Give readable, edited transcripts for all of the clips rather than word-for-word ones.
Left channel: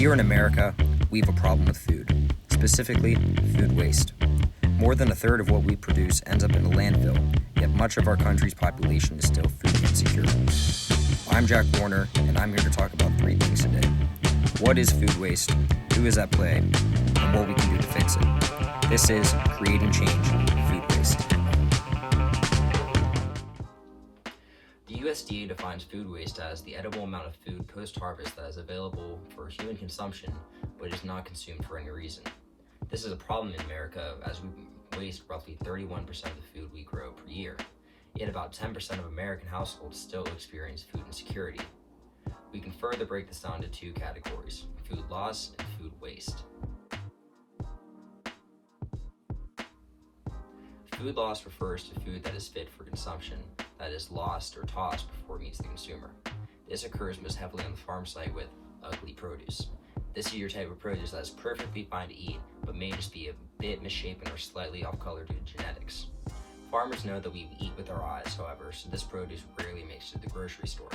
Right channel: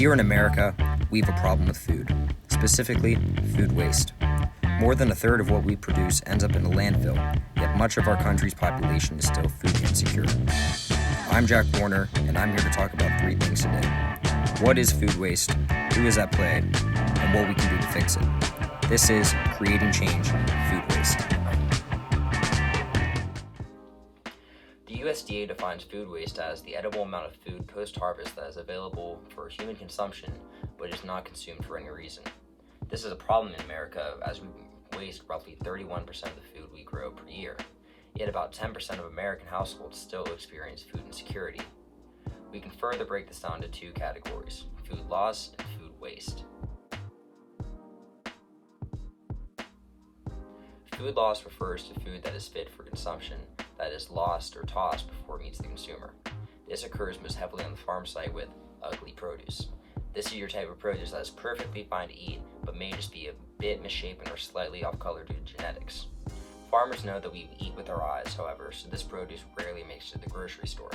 Here in America, we have a problem with food, specifically food waste. More than a third of what we produce ends up in a landfill, yet much of our country's population is still food insecure. I'm Jack Warner, and I'm here to talk about three things today. What is food waste, who is at play, and what we can do to fix it. This is Creating Change, Food Waste. The USDA defines food waste as the edible amount of food post-harvest that is available for human consumption but is not consumed for any reason. This is a problem in America as we waste roughly 31% of the food we grow per year, yet about 10% of American households still experience food insecurity. We can further break this down into two categories: food loss and food waste. Food loss refers to food that is fit for consumption that is lost or tossed before it meets the consumer. This occurs most heavily on the farm site with ugly produce. This is your type of produce that is perfectly fine to eat, but may just be a bit misshapen or slightly off color due to genetics. Farmers know that we eat with our eyes, however, so this produce rarely makes it to the grocery store.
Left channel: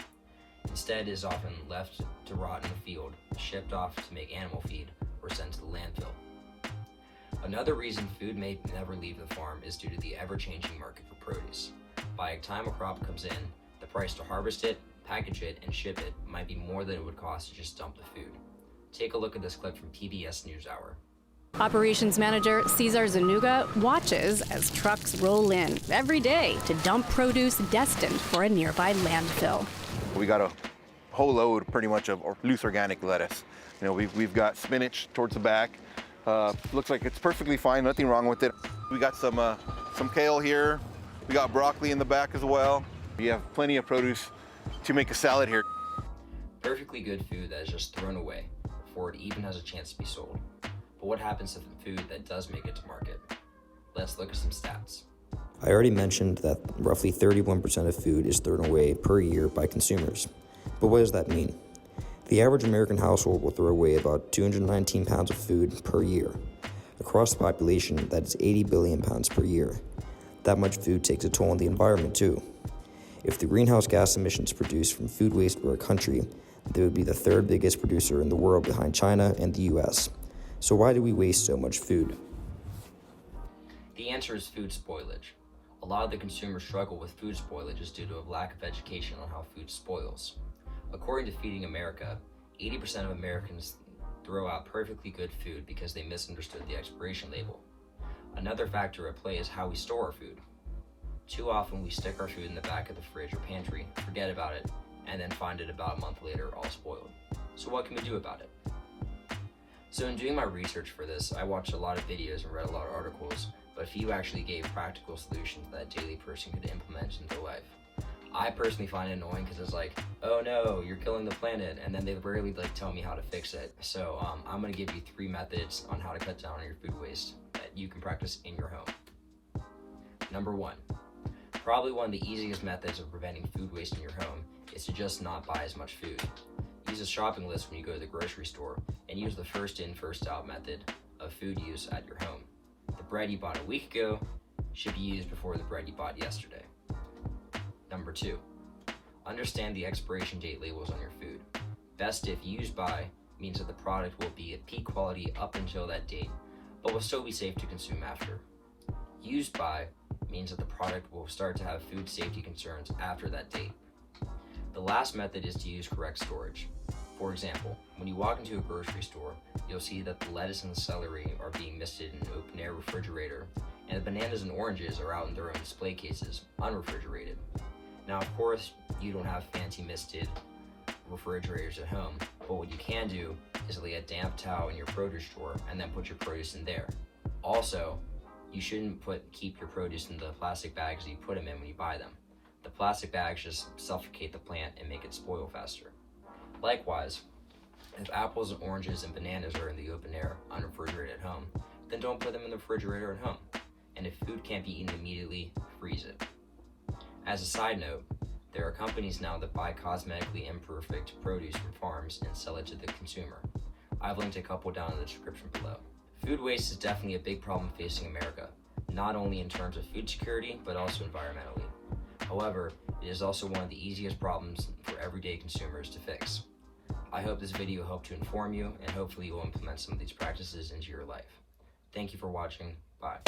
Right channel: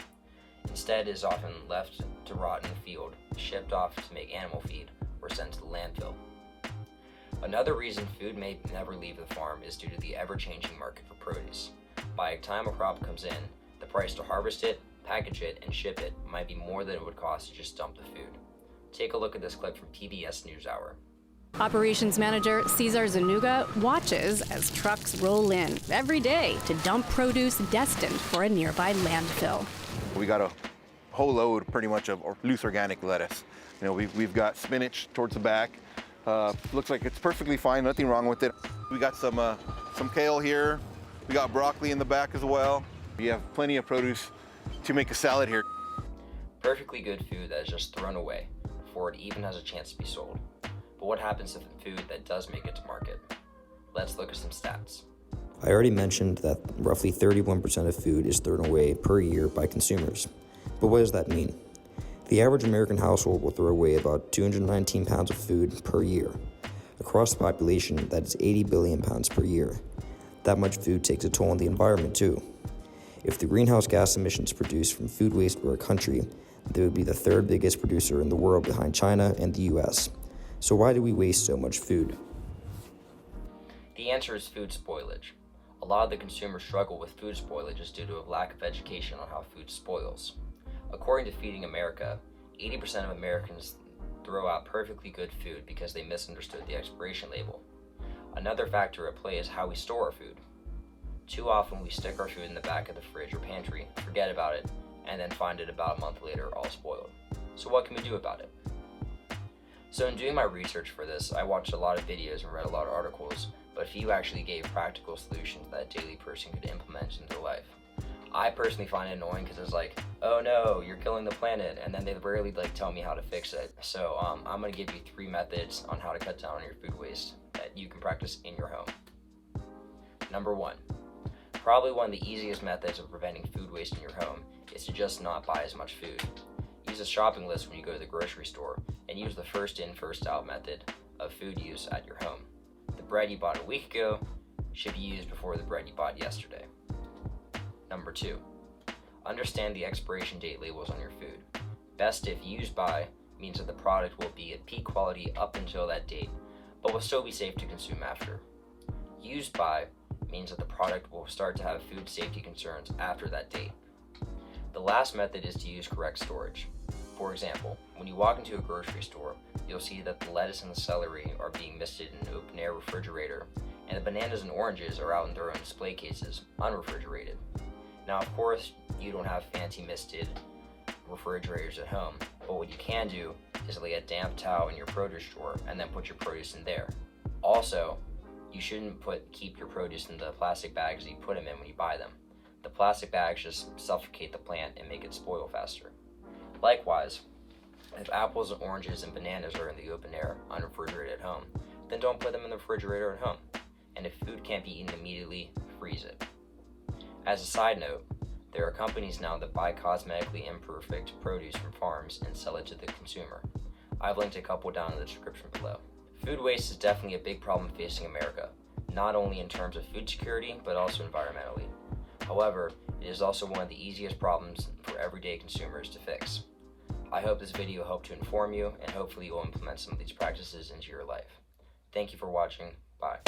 Instead, it is often left to rot in the field, shipped off to make animal feed, or sent to the landfill. Another reason food may never leave the farm is due to the ever-changing market for produce. By the time a crop comes in, the price to harvest it, package it, and ship it might be more than it would cost to just dump the food. Take a look at this clip from PBS NewsHour. Operations Manager Cesar Zanuga watches as trucks roll in every day to dump produce destined for a nearby landfill. We got a whole load pretty much of loose organic lettuce. You know, we've got spinach towards the back. Looks like it's perfectly fine, nothing wrong with it. We got some kale here. We got broccoli in the back as well. We have plenty of produce to make a salad here. Perfectly good food that is just thrown away before it even has a chance to be sold. But what happens to the food that does make it to market? Let's look at some stats. I already mentioned that roughly 31% of food is thrown away per year by consumers. But what does that mean? The average American household will throw away about 219 pounds of food per year. Across the population, that is 80 billion pounds per year. That much food takes a toll on the environment too. If the greenhouse gas emissions produced from food waste were a country, they would be the third biggest producer in the world behind China and the US. So why do we waste so much food? The answer is food spoilage. A lot of the consumers struggle with food spoilage is due to a lack of education on how food spoils. According to Feeding America, 80% of Americans throw out perfectly good food because they misunderstood the expiration label. Another factor at play is how we store our food. Too often we stick our food in the back of the fridge or pantry, forget about it, and then find it about a month later all spoiled. So what can we do about it? So in doing my research for this, I watched a lot of videos and read a lot of articles, but few actually gave practical solutions that a daily person could implement into their life. I personally find it annoying because it's like, oh no, you're killing the planet, and then they rarely tell me how to fix it. So I'm gonna give you 3 methods on how to cut down on your food waste that you can practice in your home. Number 1, probably one of the easiest methods of preventing food waste in your home is to just not buy as much food. Use a shopping list when you go to the grocery store and use the first in, first out method of food use at your home. The bread you bought a week ago should be used before the bread you bought yesterday. Number 2, understand the expiration date labels on your food. Best if used by means that the product will be at peak quality up until that date, but will still be safe to consume after. Used by means that the product will start to have food safety concerns after that date. The last method is to use correct storage. For example, when you walk into a grocery store, you'll see that the lettuce and the celery are being misted in an open air refrigerator, and the bananas and oranges are out in their own display cases, unrefrigerated. Now, of course, you don't have fancy misted refrigerators at home, but what you can do is lay a damp towel in your produce drawer and then put your produce in there. Also, you shouldn't keep your produce in the plastic bags that you put them in when you buy them. The plastic bags just suffocate the plant and make it spoil faster. Likewise, if apples and oranges and bananas are in the open air, unrefrigerated at home, then don't put them in the refrigerator at home. And if food can't be eaten immediately, freeze it. As a side note, there are companies now that buy cosmetically imperfect produce from farms and sell it to the consumer. I've linked a couple down in the description below. Food waste is definitely a big problem facing America, not only in terms of food security, but also environmentally. However, it is also one of the easiest problems for everyday consumers to fix. I hope this video helped to inform you, and hopefully you'll implement some of these practices into your life. Thank you for watching. Bye.